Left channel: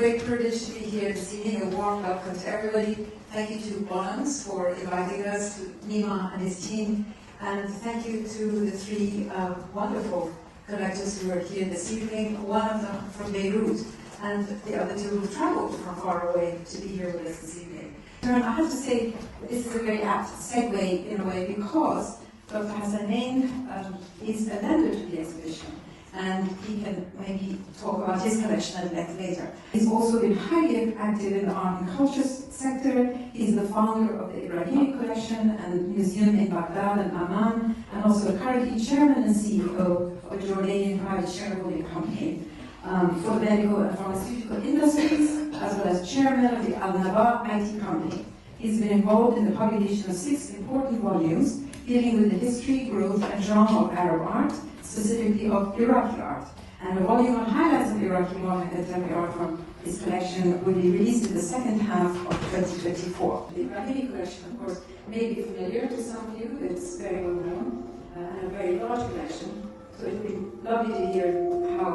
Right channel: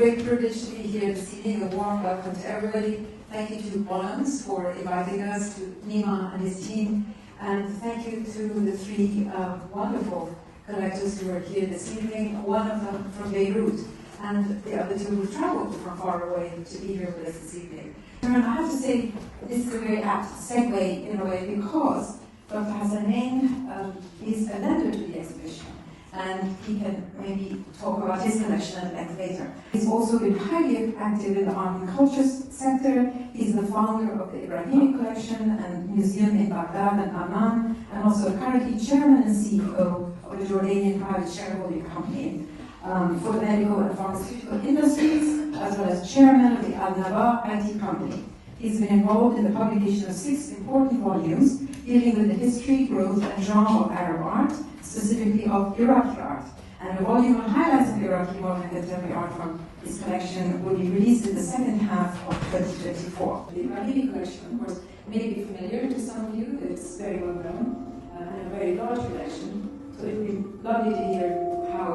great privilege to be here this evening. A warm welcome to everybody. Thank you to Bonhams for inviting us, to Nima and his team, and thank you to the three wonderful collectors who are here this evening, one of them from Beirut, and the other two who traveled from far away to be here with us this evening. And I have to say, this is a very apt segue in a way, because Dr. Hassanein is a vendor to the exhibition, and he can maybe talk about his collection at length later. He's also been highly active in the art and culture sector. He's the founder of the Ibrahimi collection and museum in Baghdad and Amman, and also currently chairman and CEO of a Jordanian private shareholding company for the medical and pharmaceutical industries, as well as chairman of the Al-Naba IT company. He's been involved in the publication of 6 important volumes dealing with the history, growth, and genre of Arab art, specifically of Iraqi art. And a volume on highlights of Iraqi modern contemporary art from his collection will be released in the second half of 2024. The Ibrahimi collection, of course, may be familiar to some of you. It's very well known and a very large collection. So it would be lovely to hear how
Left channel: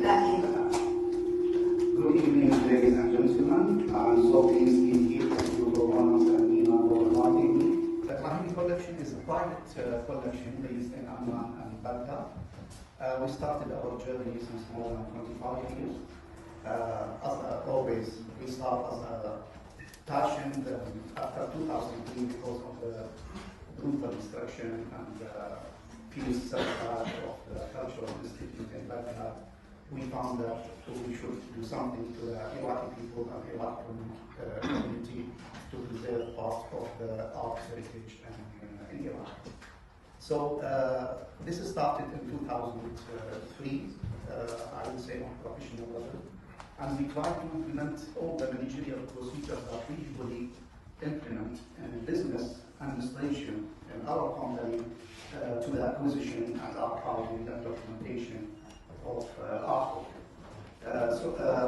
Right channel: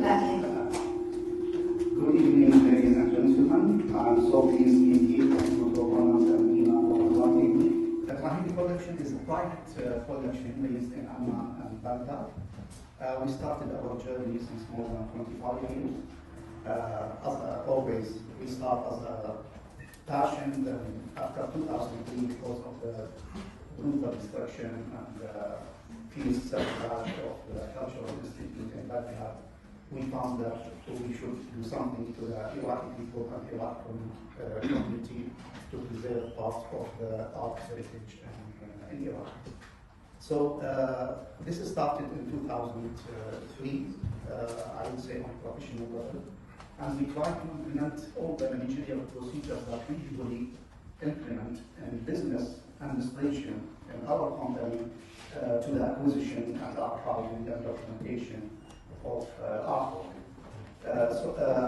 that came about. Good evening, ladies and gentlemen. I'm so pleased to be here to the Bonhams and Nima for inviting me. The Ibrahimi collection is a private collection based in Amman and Baghdad. We started our journey since more than 25 years. As always, we start as a passion. After 2003, because of the brutal destruction and peace setback of the cultural institute in Baghdad, we found that we should do something to the Iraqi people and Iraqi community to preserve part of the art heritage in Iraq. So this started in 2003, I would say on a professional level, and we tried to implement all the managerial procedures that we usually implement in business administration in our company to the acquisition and archiving and documentation of artwork.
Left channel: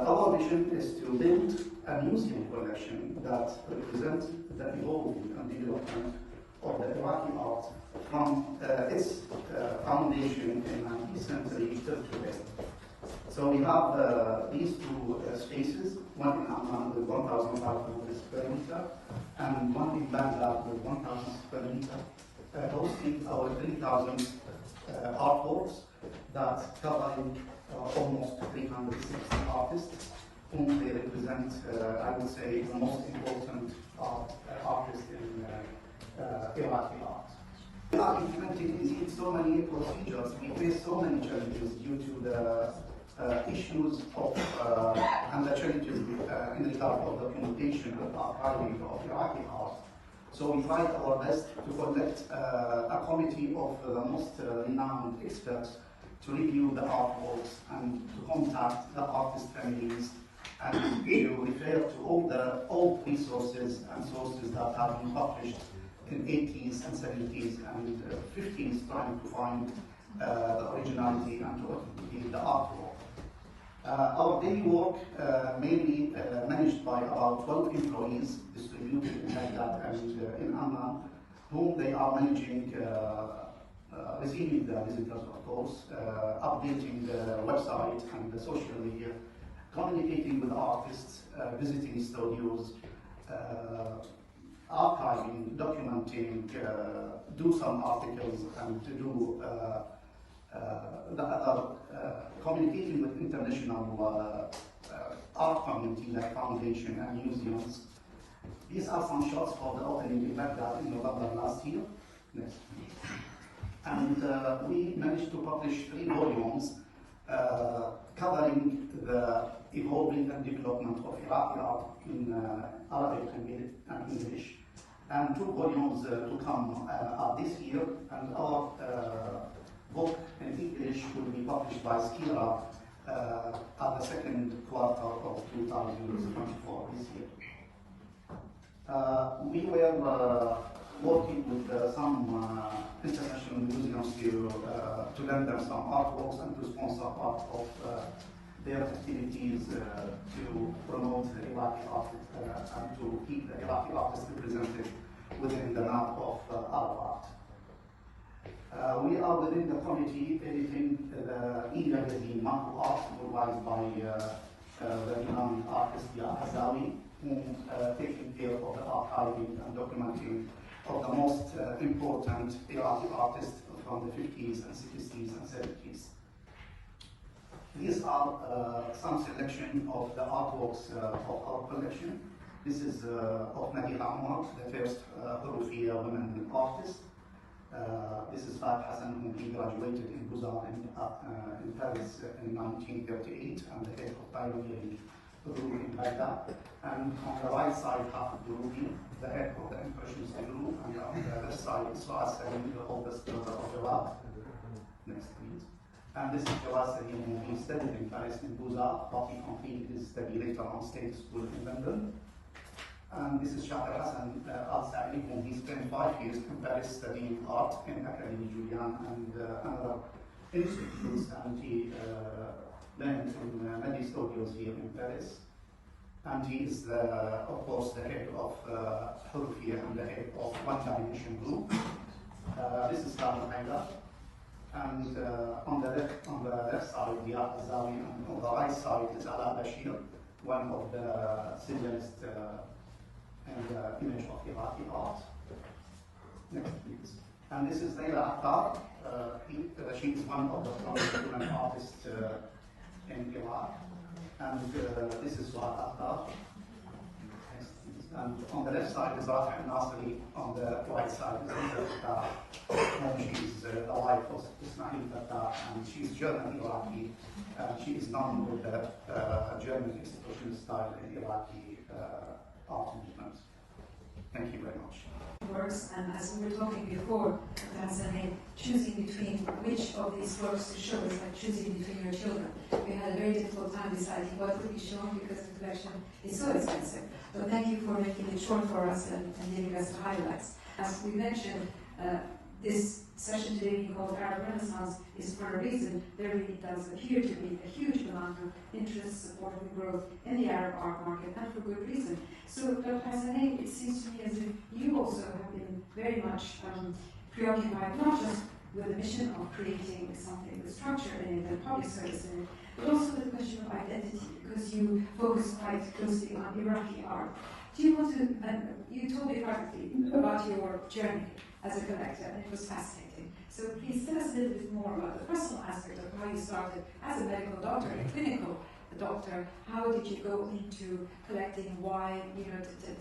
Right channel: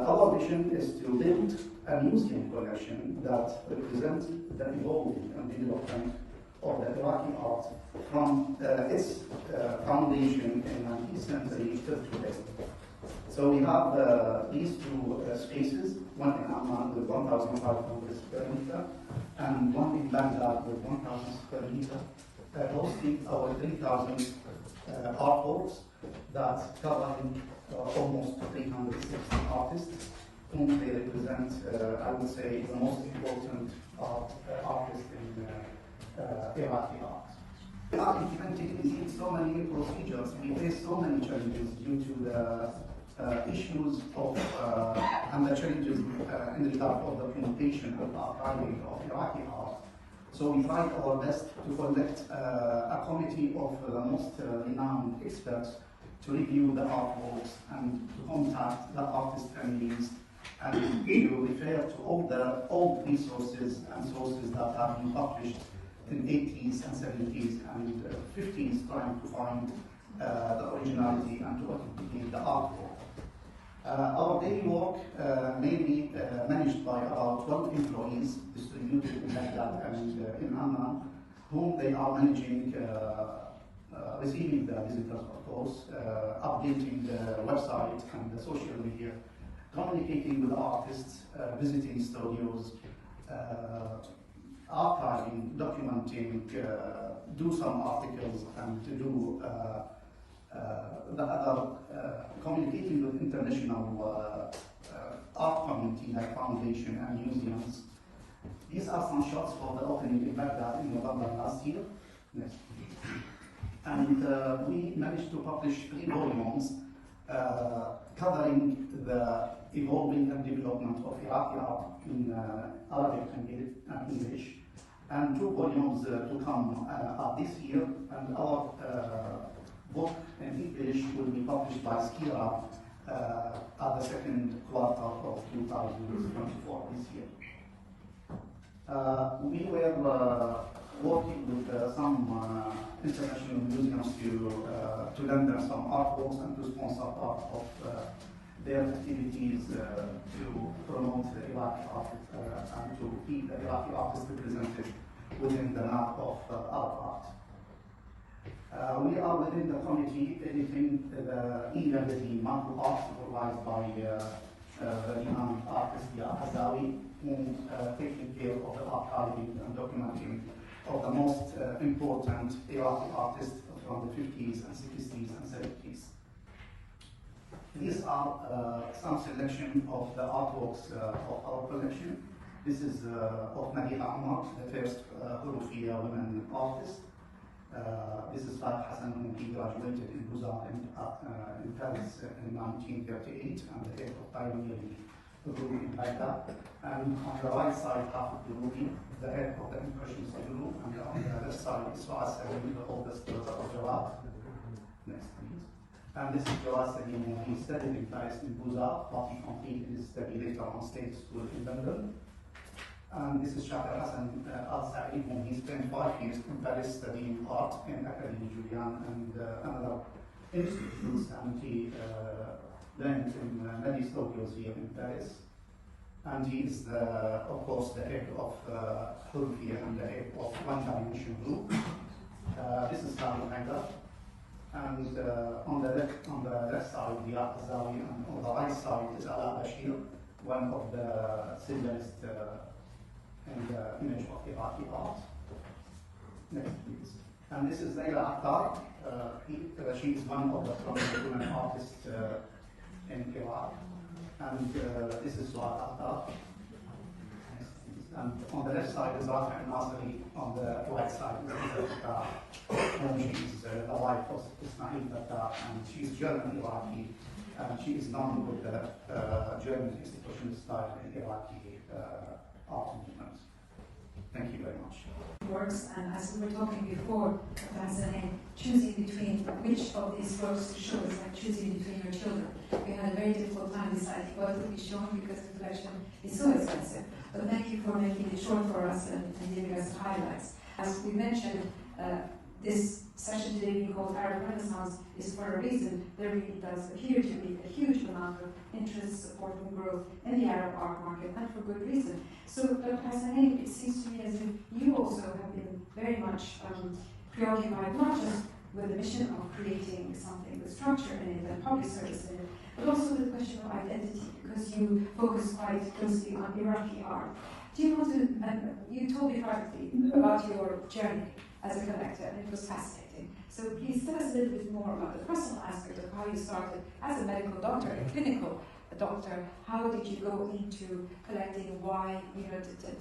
Our mission is to build a museum collection that represents the evolving and development of the Iraqi art from its foundation in the 19th century till today. So we have these two spaces, one in Amman with 1,500 square meter and one in Baghdad with 1,000 square meter, hosting our 3,000 artworks that covering almost 360 artists whom they represent, I would say, the most important artists in Iraqi art. We are implementing so many procedures, we face so many challenges due to the issues of and the challenges in regard of documentation and archiving of Iraqi art. So we tried our best to collect a committee of the most renowned experts to review the artworks and to contact the artist families and to refer to all the old resources and sources that have been published in 80s and 70s and 50s, trying to find the originality and to authenticate the artwork. Our daily work mainly managed by about 12 employees distributed in Baghdad and in Amman, whom they are managing, receiving the visitors, of course, updating the website and the social media, communicating with artists, visiting studios, archiving, documenting, do some articles, and to do the other, communicating with international art community like foundation and museums. These are some shots for the opening in Baghdad in November last year. Next. And we managed to publish 3 volumes covering the evolving and development of Iraqi art in Arabic and English, and 2 volumes to come this year, and our book in English will be published by Skira at the second quarter of 2024 this year. We were working with some international museums to lend them some artworks and to sponsor part of their activities to promote the Iraqi art and to keep the Iraqi artists represented within the map of Arab art. We are within the committee editing the e-magazine Marco Art, supervised by the Imam Azawi, who taking care of the archiving and documenting of the most important Iraqi artists from the 50s and 60s and 70s. These are some selection of the artworks of our collection. This is of Nadia Ahmad, the first Hurufiyya woman artist. This is Fahd Hassan, who he graduated in Beaux-Arts in Paris in 1938, and the head of pioneering the group in Baghdad. And on the right side, Hafid Durubi, the head of the Impressionist group, and on the left side is Su'ad Salim, the oldest daughter of Jawad. Next, please. And this is Jawad Salim, who he studied in Paris in Beaux-Arts, but he completed his study later on State School in London. And this is Shakir Hassan al-Sa'id, who he spent 5 years in Paris studying art in Académie Julian and another institutes, and he learned in many studios here in Paris. And he is, of course, the head of Hurufiyya and the head of One Dimension Group. This is Khalid Haidar. And on the left side, Diyar Azawi, and on the right side is Ala Bashir, one of the symbolists in the image of Iraqi art. Next, please. And this is Layla Attar. She is one of the prominent women artists in Iraq. And this is Su'ad Attar. And on the left side is Rafi Nasri, on the right side is Attar. And she is the wife of Ismail Attar, and she is German Iraqi. And she is known with the German institutional style in Iraqi art movement. Thank you very much. Works, and as we were talking before, Tanzania, choosing between which of these works to show is like choosing between your children. We had a very difficult time deciding what would be shown because the collection is so expensive. But thank you for making it short for us and giving us the highlights. As we mentioned, this session today being called Arabe Renaissance is for a reason. There really does appear to be a huge amount of interest supporting the growth in the Arab art market, and for good reason. So, Dr. Hassanein, it seems to me as if you also have been very much preoccupied not just with the mission of creating something with structure in it and public service in it, but also with the question of identity, because you focus quite closely on Iraqi art. Do you want to, you told me privately about your journey as a collector, and it was fascinating. So please tell us a little bit more about the personal aspect of how you started as a medical doctor, a clinical doctor. How did you go into collecting? Why?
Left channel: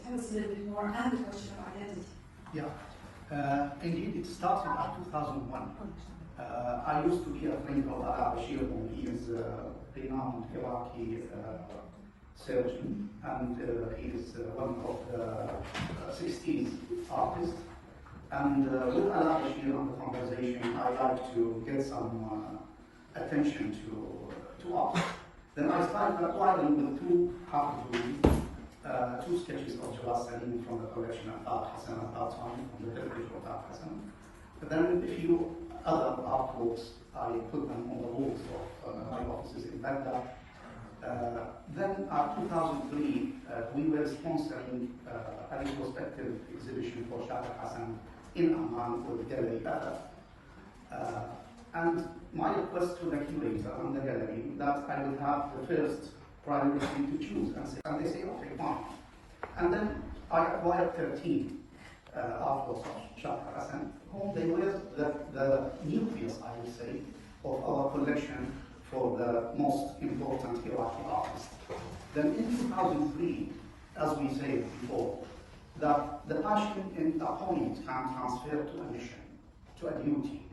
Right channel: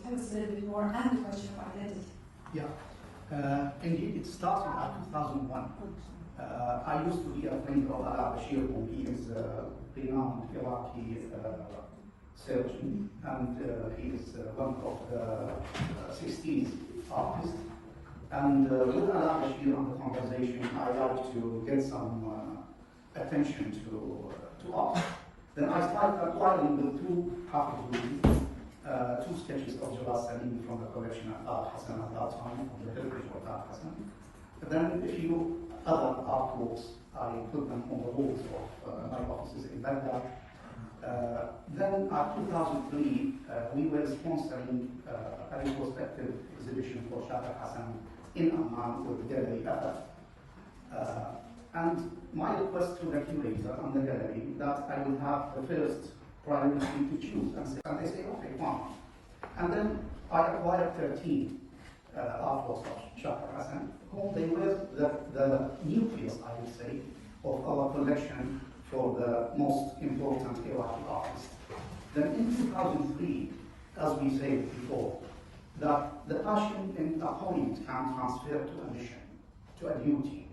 Tell us a little bit more, and the question of identity. Yeah, indeed, it started in 2001. I used to be a friend of Arabe Bashir, who is a renowned Iraqi surgeon, and he is one of the 16 artists. And with Arabe Bashir on the conversation, I like to get some attention to art. Then I started acquiring the two sketches of Jawad Salim from the collection of Fahd Hassan at that time, from the heritage of Fahd Hassan. But then a few other artworks, I put them on the walls of my offices in Baghdad. Then in 2003, we were sponsoring a retrospective exhibition for Shakir Hassan in Amman with Gallery Arab. And my request to the curator and the gallery that I would have the first priority to choose, and they say, okay, fine. And then I acquired 13 artworks of Shakir Hassan, whom they were the nucleus, I would say, of our collection for the most important Iraqi artists. Then in 2003, as we said before, that the passion in a point can transfer to a mission, to a duty.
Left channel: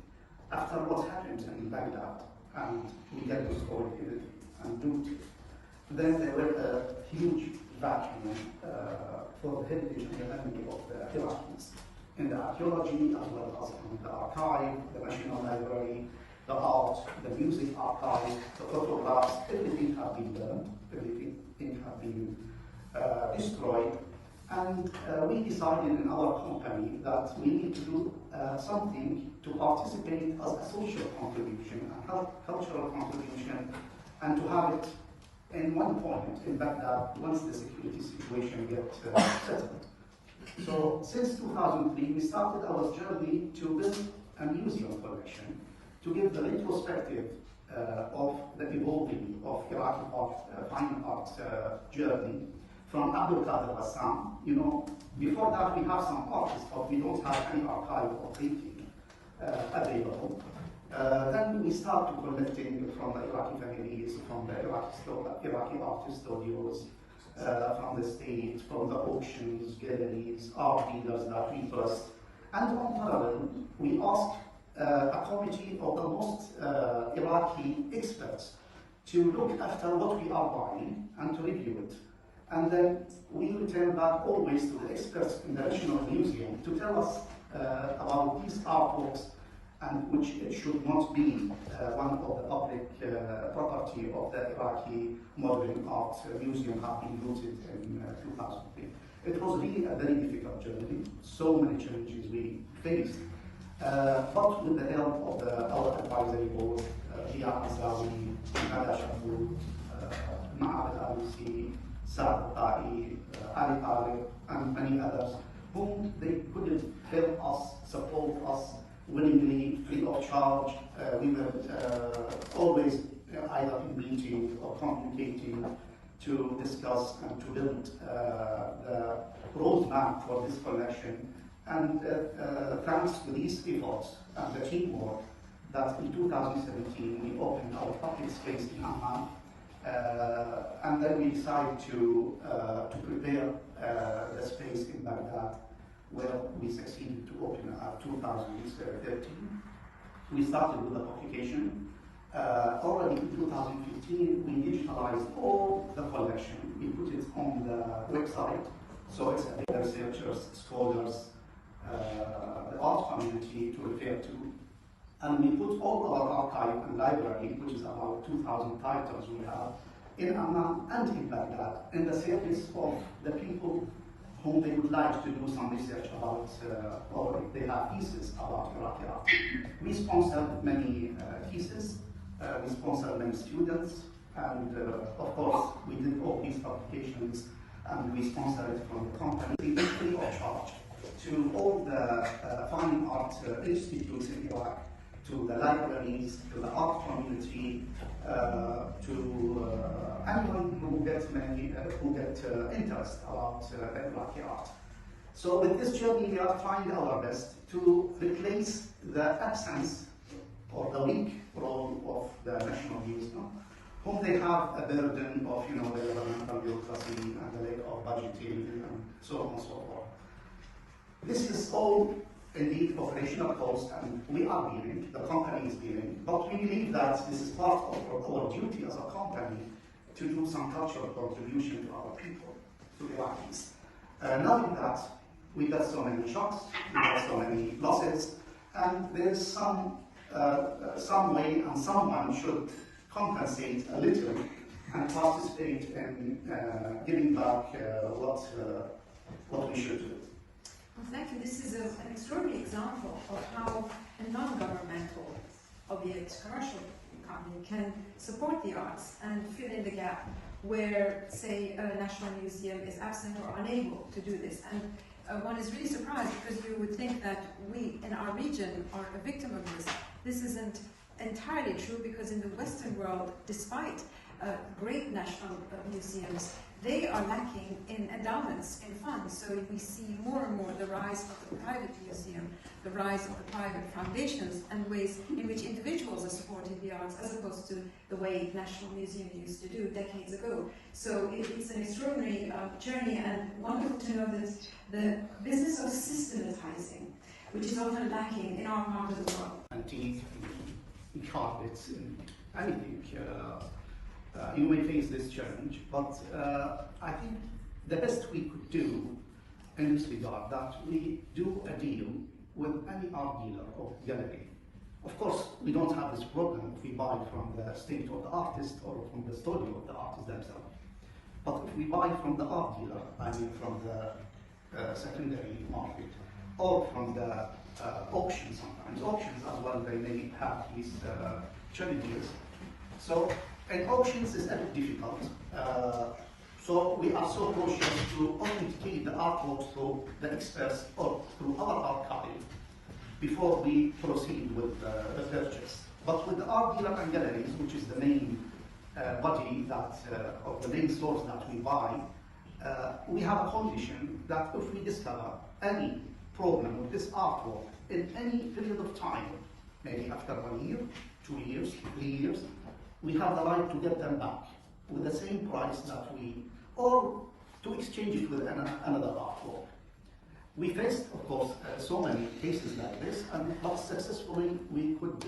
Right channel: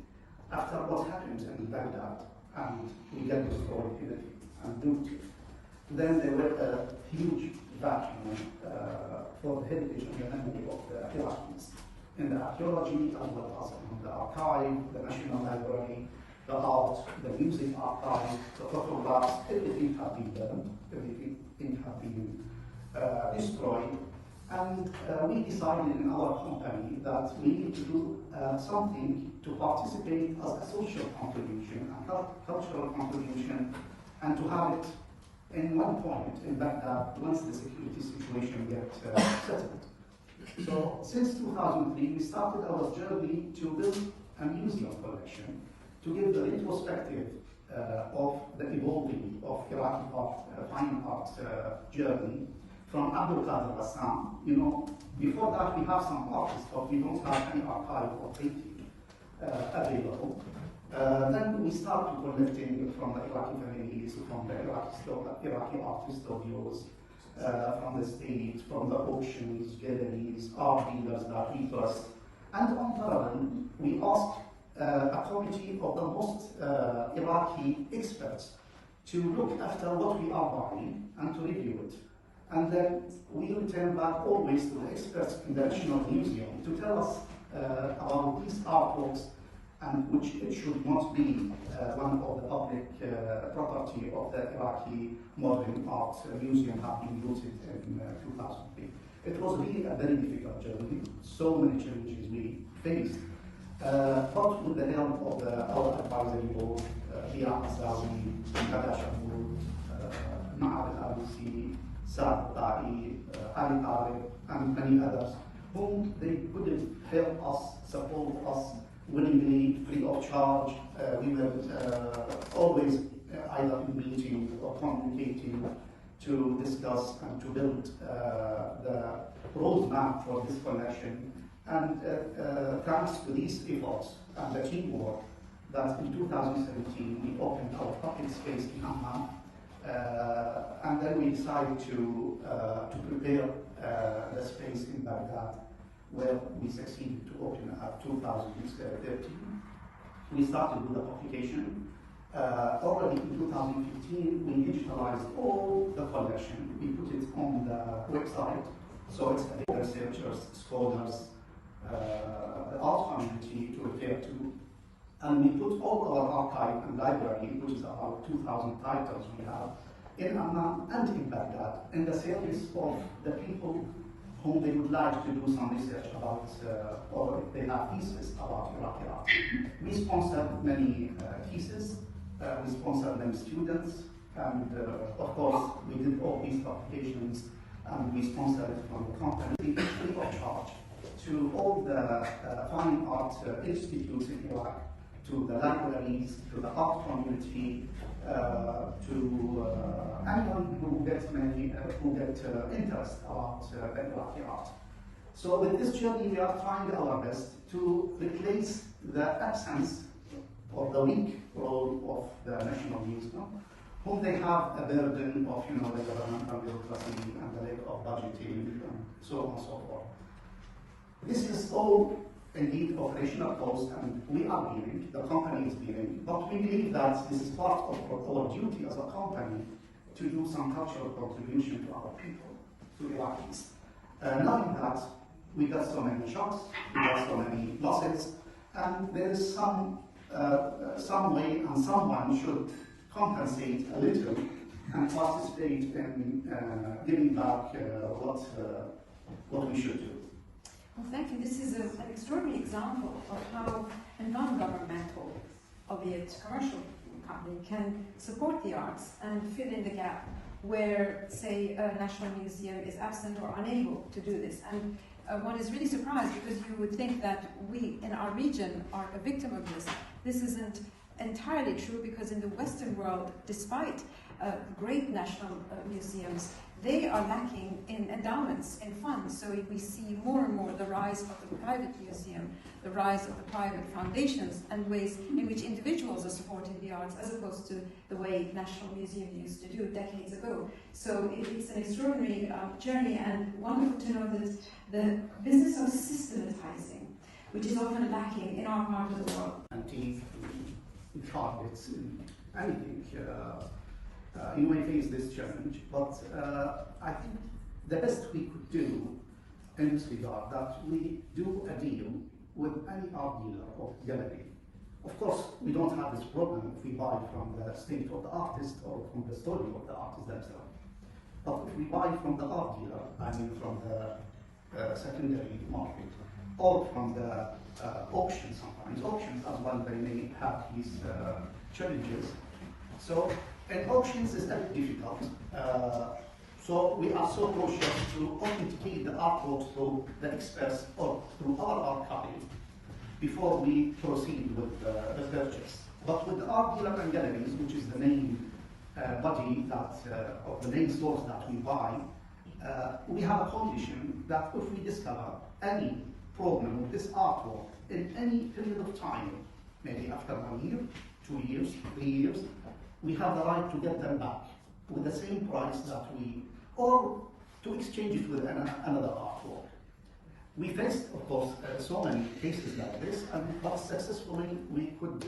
After what happened in Baghdad, and we get destroyed everything and looted, then there were a huge vacuum for the heritage and the memory of the Iraqis in the archaeology, as well as in the archive, the National Library, the art, the music archive, the photographs, everything had been burned, everything had been destroyed. And we decided in our company that we need to do something to participate as a social contribution, a cultural contribution, and to have it in one point in Baghdad once the security situation gets settled. So since 2003, we started our journey to build a museum collection, to give the retrospective of the evolving of Iraqi art, fine art journey from Abdul Qadir Bassam. You know, before that we have some artists, but we don't have any archive or painting available. Then we start to collecting from the Iraqi families, from the Iraqi art studios, from the state, from the auctions, galleries, art dealers that we trust. And on parallel, we asked a committee of the most Iraqi experts to look after what we are buying and to review it. And then we return back always to the experts in the National Museum to tell us about these artworks, and which it should not be one of the public property of the Iraqi Modern Art Museum have been looted in 2003. It was really a very difficult journey, so many challenges we faced. But with the help of our advisory board, Dia Azawi, Kada Shamour, Ma'ad al-Alusi, Saad al-Ta'i, Ali Tariq, and many others, whom they couldn't help us, support us willingly, free of charge. We were always either in meeting or communicating to discuss and to build the roadmap for this collection. And thanks to these efforts and the teamwork, that in 2017 we opened our public space in Amman, and then we decided to prepare the space in Baghdad, where we succeeded to open at 2013. We started with the publication. Already in 2015, we digitalized all the collection. We put it on the website, so it's for researchers, scholars, the art community to refer to. And we put all our archive and library, which is about 2,000 titles we have, in Amman and in Baghdad, in the service of the people whom they would like to do some research about, or if they have theses about Iraqi art. We sponsored many theses, we sponsored many students, and of course we did all these publications, and we sponsored from the company free of charge to all the fine art institutes in Iraq, to the libraries, to the art community, to anyone who gets interest about Iraqi art. So with this journey, we are trying our best to replace the absence or the weak role of the National Museum, whom they have a burden of, the governmental bureaucracy and the lack of budgeting and so on and so forth. This is all indeed operational cost, and we are bearing, the company is bearing, but we believe that this is part of our duty as a company to do some cultural contribution to our people, to Iraqis. Knowing that we got so many shocks, we got so many losses, and there is some way and someone should compensate a little and participate in giving back what we should do. Well, thank you. This is an extraordinary example of how a non-governmental, albeit commercial company, can support the arts and fill in the gap where, say, a national museum is absent or unable to do this. And one is really surprised, because you would think that we in our region are a victim of this. This isn't entirely true, because in the Western world, despite great national museums, they are lacking in endowments and funds. So if we see more and more the rise of the private museum, the rise of the private foundations, and ways in which individuals are supporting the arts, as opposed to the way National Museum used to do decades ago. So it's an extraordinary journey, and wonderful to know that the business of systematizing, which is often lacking in our part of the world. Antiques, carpets, anything. You may face this challenge, but I think the best we could do in this regard, that we do a deal with any art dealer or gallery. Of course, we don't have this problem if we buy from the estate of the artist or from the studio of the artist themselves. But if we buy from the art dealer, I mean from the secondary market, or from the auctions sometimes. Auctions as well, they may have these challenges. So, and auctions is a bit difficult. So we are so cautious to authenticate the artworks through the experts or through our archive before we proceed with the purchase But with art dealer and galleries, which is the main body that, of the main source that we buy, we have a condition that if we discover any problem with this artwork in any period of time, maybe after 1 year, 2 years, 3 years, we have the right to get them back with the same price that we, or to exchange it with another artwork. We faced, of course, so many cases like this, but successfully we could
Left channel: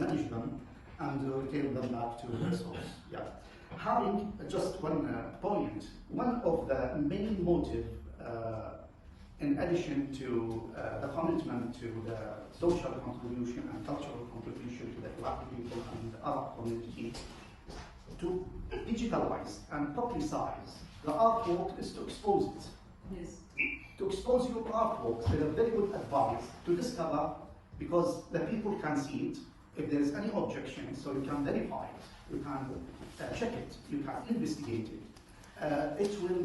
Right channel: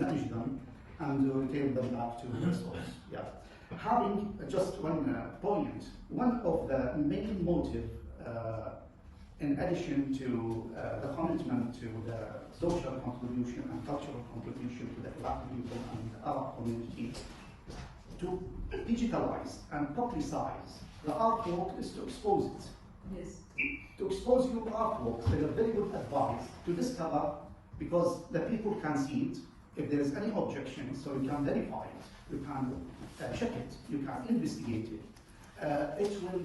manage them and retain them back to the source. Yeah. Having just one point, one of the main motive, in addition to the commitment to the social contribution and cultural contribution to the Black people and the Arab community, to digitalize and publicize the artwork is to expose it. Yes. To expose your artworks is a very good advice to discover, because the people can see it. If there is any objection, so you can verify it, you can check it, you can investigate it. It will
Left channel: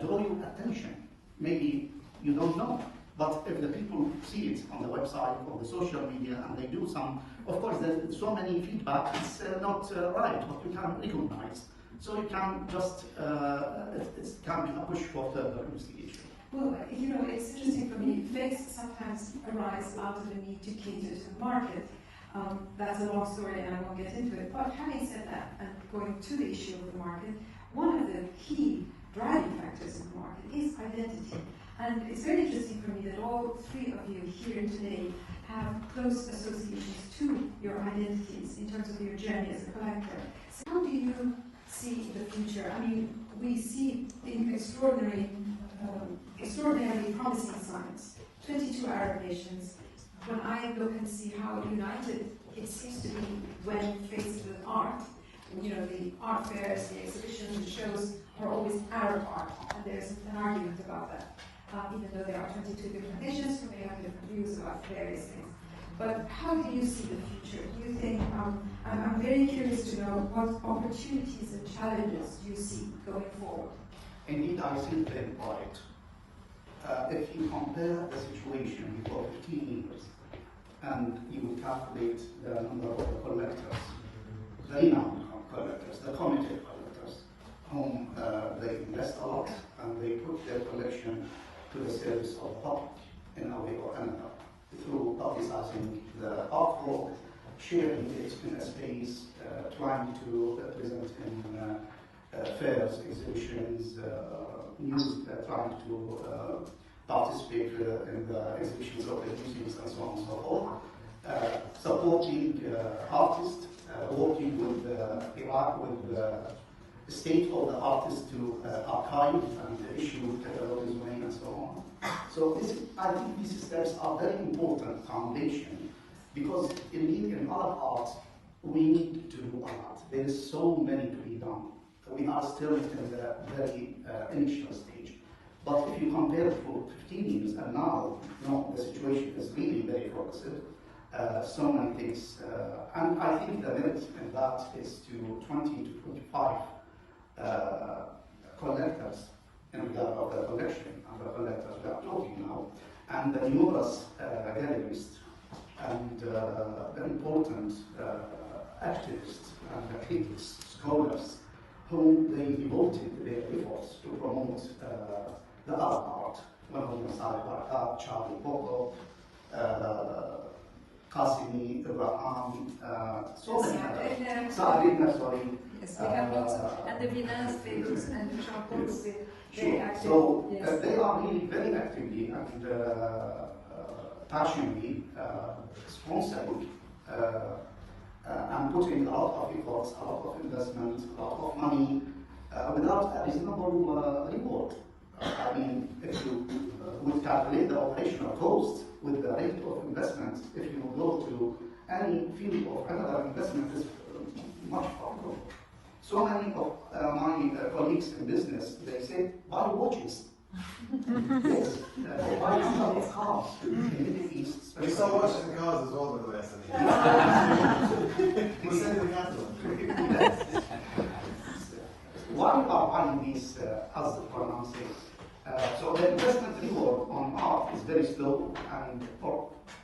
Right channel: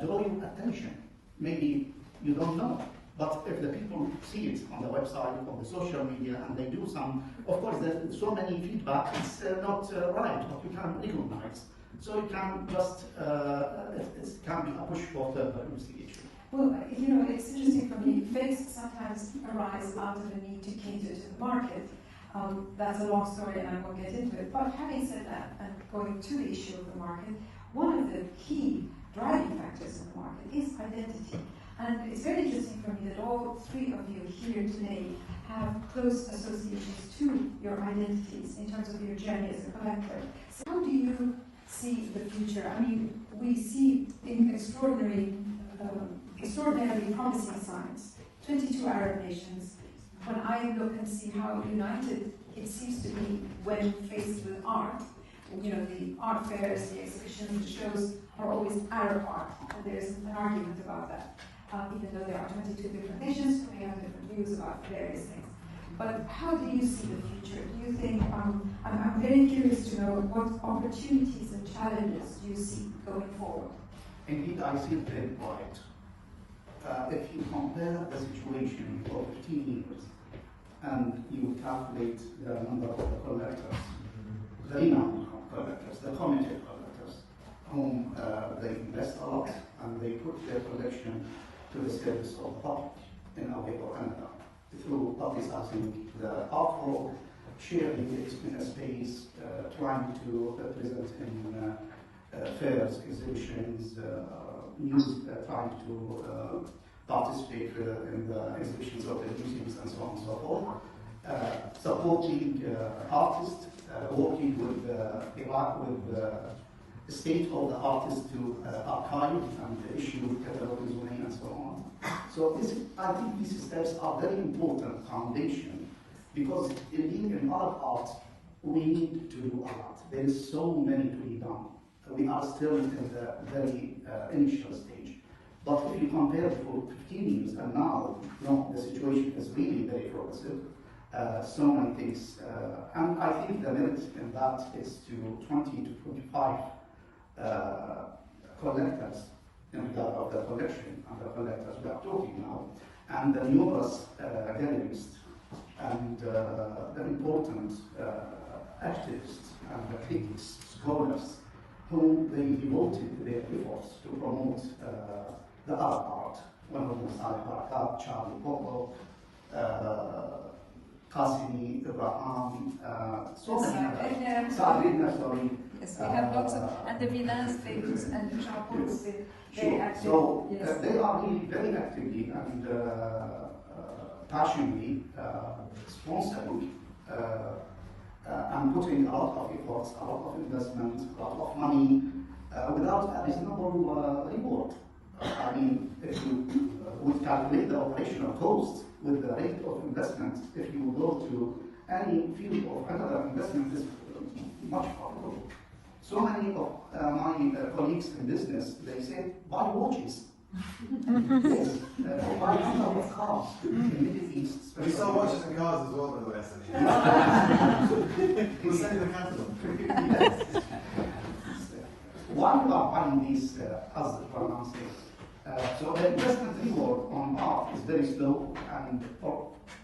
draw your attention. Maybe you don't know, but if the people see it on the website or the social media and they do some, of course there's so many feedback, it's not right, but you can recognize. So you can just, it can be a push for further investigation. Well, you know, it's interesting for me, fakes sometimes arise out of the need to cater to the market. That's a long story and I won't get into it. But having said that, and going to the issue of the market, one of the key driving factors in the market is identity. And it's very interesting for me that all three of you here today have close associations to your identities in terms of your journey as a collector. So how do you see the future? I mean, we see in extraordinarily promising signs, 22 Arab nations. When I look and see how united it seems to be when faced with art, you know, the art fairs, the exhibitions, the shows are always Arab art, and there's an argument about that. Even though there are 22 different nations, they have different views about various things. But how do you see the future? Do you think, I'm very curious to know what opportunities and challenges you see going forward? Indeed, I see it very bright. If you compare the situation for 15 years, and you would calculate the number of the collectors, the renowned collectors, the committed collectors, whom they invest a lot, and they put their collection to the service of the public in a way or another, through publicizing the artwork, sharing it in a space, trying to present in fairs, exhibitions, news, trying to participate in the exhibitions of the museums and so on and so forth, supporting artists, working with Iraq, with the state of the artists to archive and issue catalogs and so on. So I think these steps are very important foundation, because in our art, we need to do a lot. There is so many to be done. We are still in the very initial stage. But if you compare for 15 years and now, no, the situation is really very progressive. So many things. And I think the limit in that is to 20 to 25 collectors in regard of the collection and the collectors we are talking now, and the numerous galleries and the important activists and critics, scholars, whom they devoted their efforts to promote the Arab art. One of them, Charlie Boko, Qasimi, Ibrahimi, so many. Saad, sorry. Yes, we have lots of, and the Milan's tables and the chapels, very active. So yes. They are really very actively and passionately sponsoring and putting a lot of efforts, a lot of investment, a lot of money, without a reasonable reward. I mean, if you would calculate the operational cost with the rate of investment, if you go to any field of another investment, is much harder. So many of my colleagues in business, they say, buy watches. Yes, buy number of cars in the Middle East. We saw watches and cars as well, by the way. We're sending the capital. Why we are buying these, as Bonhams says, so the investment reward on art is very slow and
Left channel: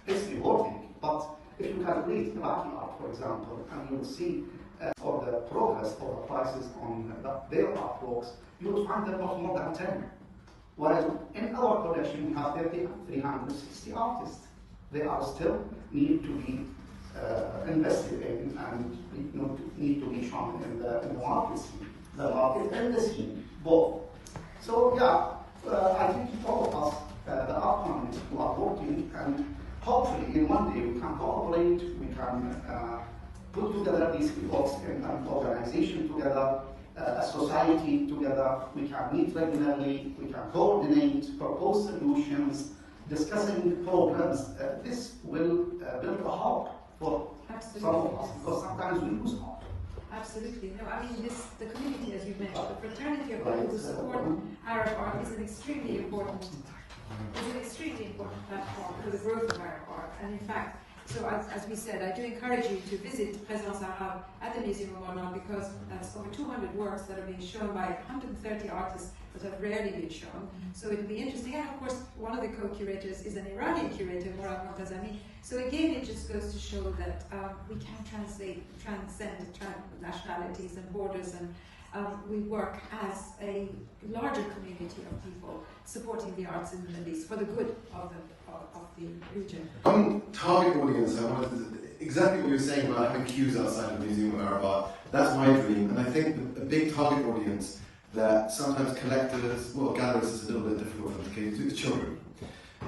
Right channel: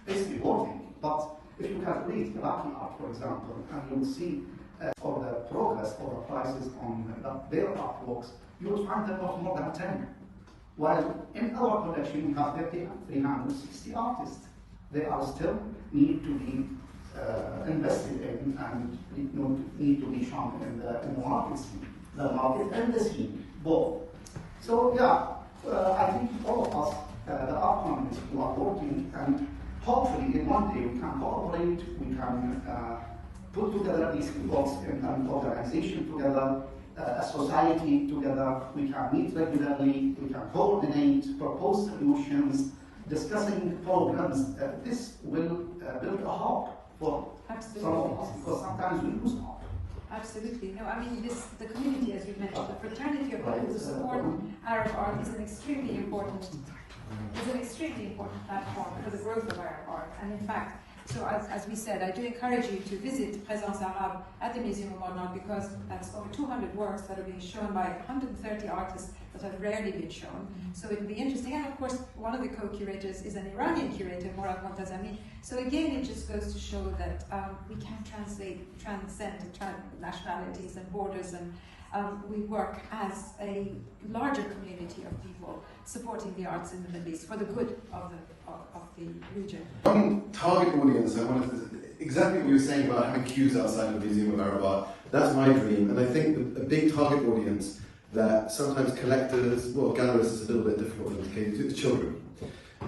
it's rewarding, but If you calculate Iraqi art, for example, and you will see for the progress of the prices on their artworks, you will find them not more than 10. While in our collection, we have 360 artists. They are still need to be invested in and need to be shown in the market scene, the market and the scene, both. So yeah, I think all of us, the art communities who are working, and hopefully in one day we can cooperate, we can put together these efforts in an organization together, a society together, we can meet regularly, we can coordinate, propose solutions, discussing programs. This will build a hope for some of us, because sometimes we lose hope. Absolutely. No, I mean, the community, as you mentioned, the fraternity of people who support Arab art is an extremely important platform for the growth of Arab art. And in fact, so as we said, I do encourage you to visit Présence Arabe at the Museum of Modern Art, because that's over 200 works that are being shown by 130 artists that have rarely been shown. So it will be interesting. And of course, one of the co-curators is an Iranian curator, Morad Montazami. So again, it just goes to show that we can transcend nationalities and borders, and we work as a larger community of people supporting the arts in the Middle East for the good of the region. Target audience, I wanted exactly what you were saying about having queues outside of the Museum of Arab Art. That's my dream, and I think a big target audience that sometimes collectors, well, galleries is a little bit difficult for them to cater to, is children.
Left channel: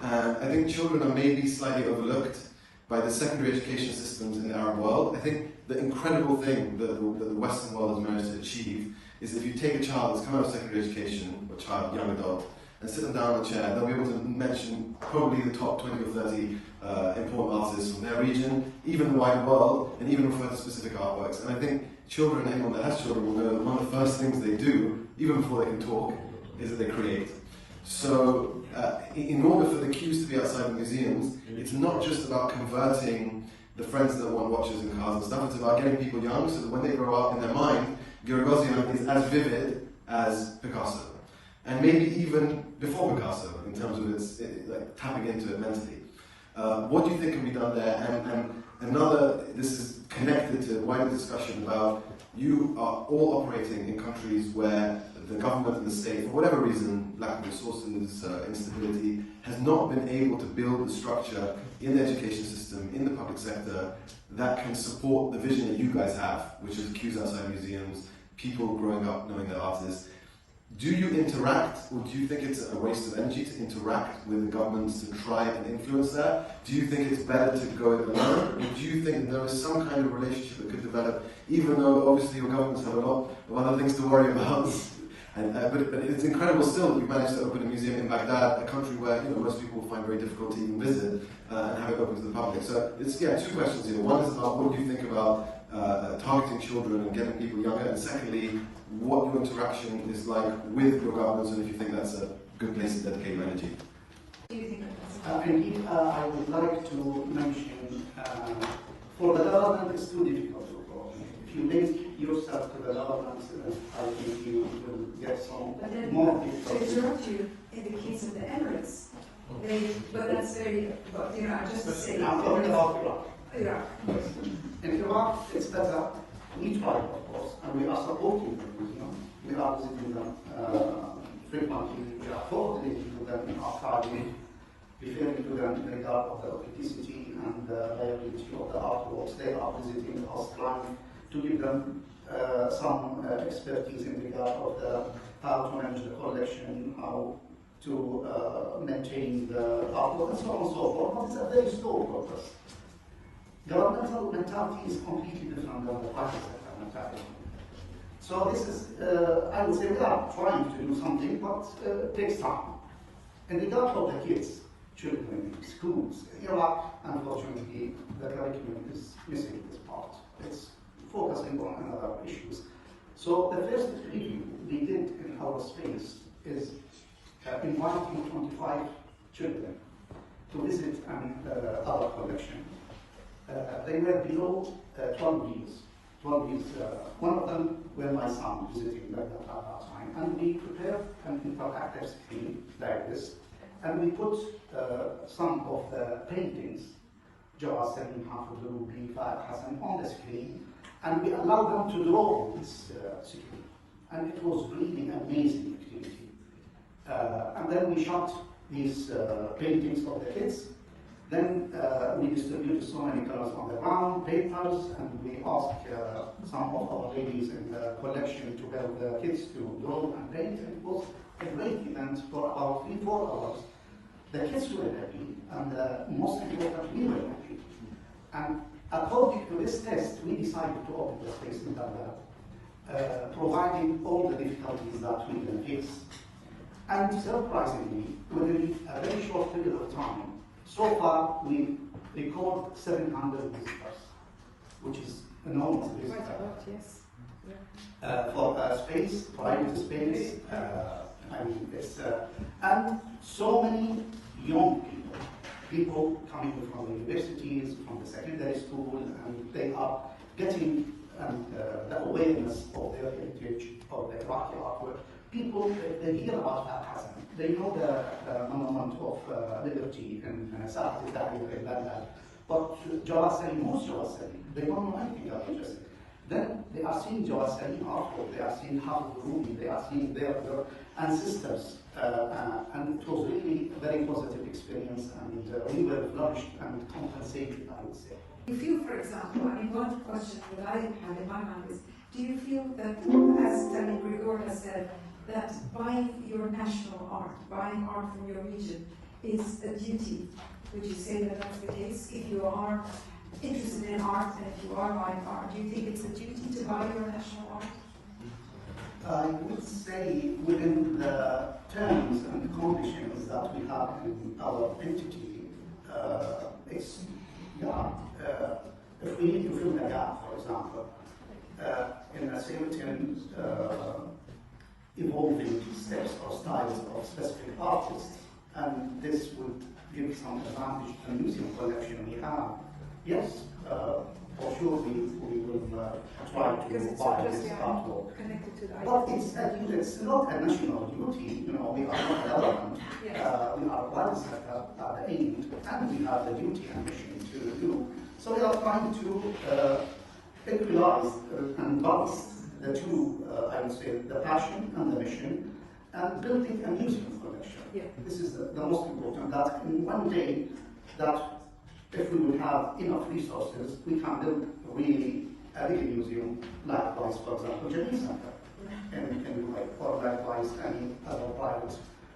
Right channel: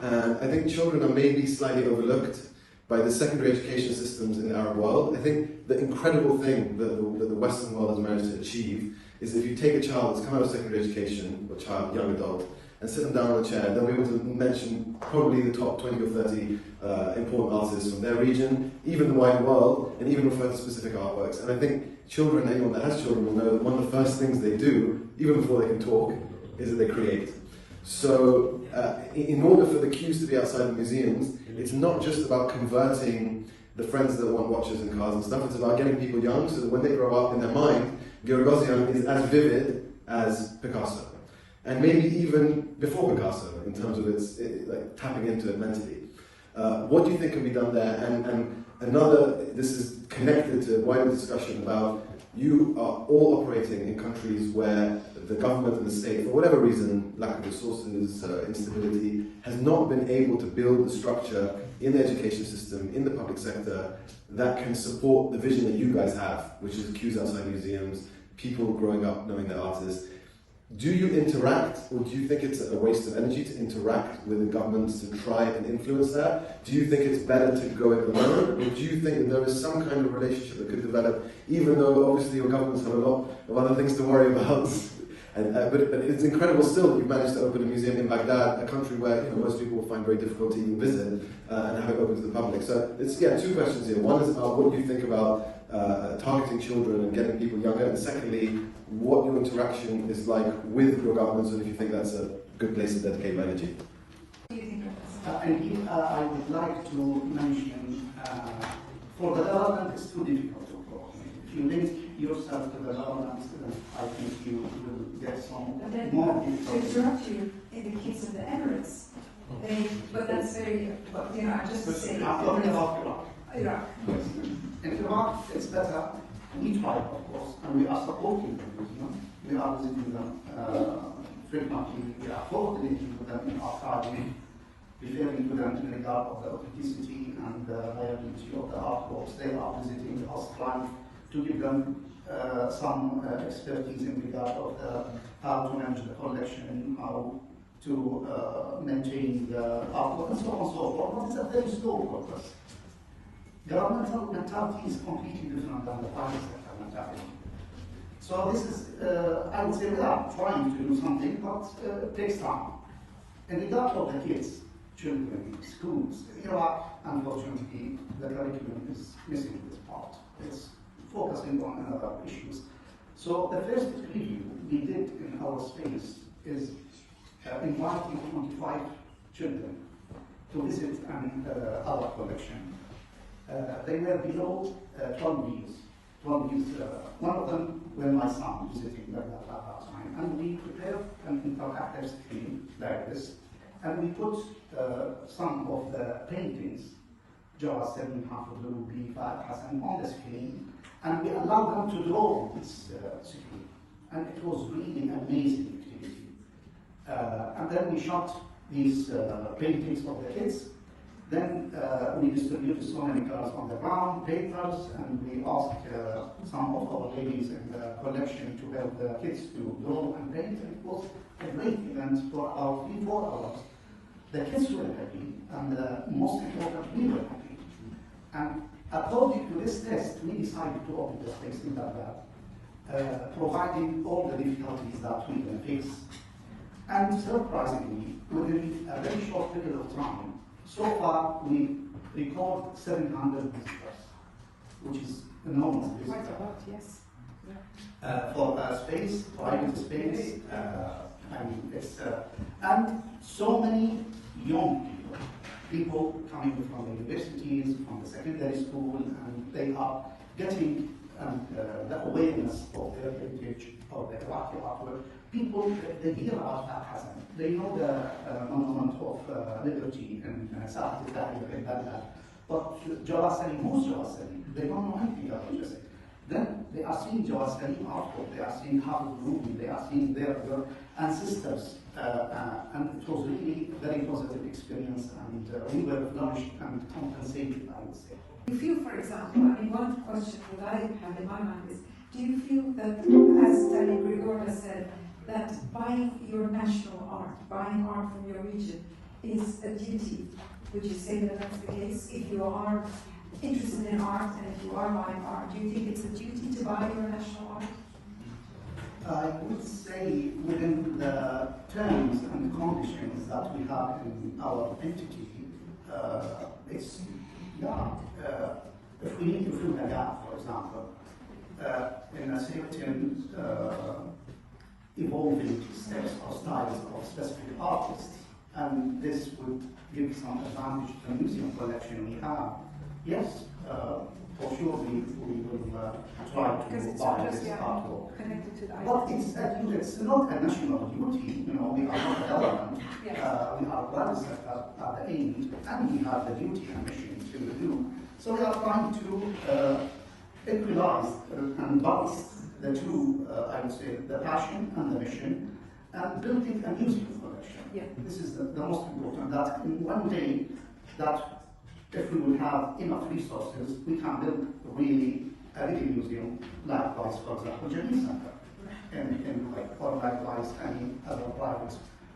And I think children are maybe slightly overlooked by the secondary education systems in the Arab world. I think the incredible thing that the Western world has managed to achieve is if you take a child that's come out of secondary education, or child, young adult, and sit them down on a chair, they'll be able to mention probably the top 20 or 30 important artists from their region, even the wider world, and even refer to specific artworks. And I think children, anyone that has children, will know that one of the first things they do, even before they can talk, is that they create. So in order for the queues to be outside the museums, it's not just about converting the friends that want watches and cars and stuff, it's about getting people young so that when they grow up in their mind, Gagosian is as vivid as Picasso. And maybe even before Picasso, in terms of like tapping into it mentally. What do you think can be done there? And this is connected to a wider discussion about you are all operating in countries where the government and the state, for whatever reason, lack of resources, instability, has not been able to build a structure in the education system, in the public sector, that can support the vision that you guys have, which is queues outside museums, people growing up knowing they're artists. Do you interact, or do you think it's a waste of energy to interact with the governments to try and influence that? Do you think it's better to go it alone, or do you think that there is some kind of relationship that could develop, even though obviously your governments have a lot of other things to worry about? But it's incredible still that you've managed to open a museum in Baghdad, a country where most people will find very difficult to even visit, and have it open to the public. So it's two questions here. One is about what you think about targeting children and getting people younger, and secondly, what your interaction is like with your governments, and if you think that's a good place to dedicate my energy. Indeed, I would like to mention, for the government, it's too difficult to coordinate. If you link yourself to the government, I think you will get some more details. To interrupt you, in the case of the Emirates, but that's very, just to say, Iraq. In Iraq, it's better. We try, of course, and we are supporting them. We are visiting them frequently. We are coordinating with them in archiving, referring to them in regard of the authenticity and the reliability of the artworks. They are visiting us, trying to give them some expertise in regard of how to manage the collection, how to maintain the artwork, and so on and so forth. But it's a very slow process. Governmental mentality is completely different than the private sector mentality. So this is, I would say, we are trying to do something, but it takes time. In regard of the kids, children, schools, Iraq, unfortunately, the curriculum is missing this part. It's focusing on other issues. So the first review we did in our space is inviting 25 children to visit our collection. They were below 12 years. One of them were my son visiting like that at that time. And we prepared an interactive screen like this, and we put some of the paintings Jawad Salim, Hafidul, Fahad Hassan on the screen, and we allowed them to draw on this screen. And it was really amazing activity. And then we shot these paintings of the kids. Then we distributed so many colors on the ground, papers, and we asked some of our ladies in the collection to help the kids to draw and paint. And it was a great event for about 3-4 hours. The kids were happy, and most important, we were happy. And according to this test, we decided to open the space in Baghdad, providing all the difficulties that we can face. And surprisingly, within a very short period of time, so far we record 700 visitors, which is enormous. Quite a lot, yes. For space, private space, I mean, it's, and so many young people coming from the universities, from the secondary school, and they are getting the awareness of their heritage, of their artwork. People, they hear about that Hassan. They know the monument of liberty in Sa'ad al-Tahrir in Baghdad. But Jawad Salim, who's Jawad Salim? They don't know anything about this. Then they are seeing Jawad Salim artwork, they are seeing Hafidul, they are seeing their ancestors. And it was really a very positive experience, and we were nourished and compensated, I would say. Do you feel, for example, I mean, one question that I have in my mind is, do you feel that, as Tariq Grigor has said, that buying your national art, buying art from your region, is a duty? Would you say that that's the case? If you are interested in art and if you are buying art, do you think it's a duty to buy your national art? I would say within the terms and conditions that we have in our entity, it's, if we need to fill a gap, for example, in a certain evolving steps or styles of specific artists, and this would give some advantage to the museum collection we have. Yes, for sure we will try to buy this artwork. Connected to the But it's not a national duty, you know, we are not a government. Yes. We are one set up at the end, and we have the duty and mission to do. So we are trying to equalize and balance the two, I would say, the passion and the mission, and building a museum collection. Yeah. This is the most important, that in one day, that if we will have enough resources, we can build really a little museum, likewise, for example, Jamil Center, in Dubai, or likewise any other private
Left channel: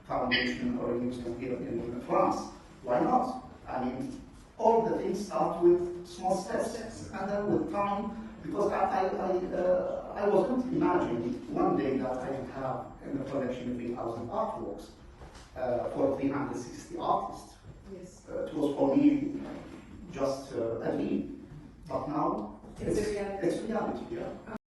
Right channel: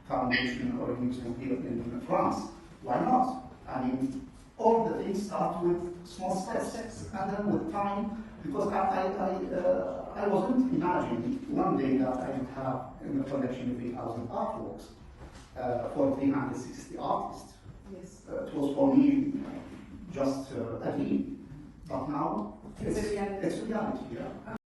foundation or museum here in France. Why not? I mean, all the things start with small steps, and then with time, because I wasn't imagining one day that I would have in the collection 3,000 artworks for 360 artists. Yes. It was for me just a dream, but now It's a reality. It's reality, yeah.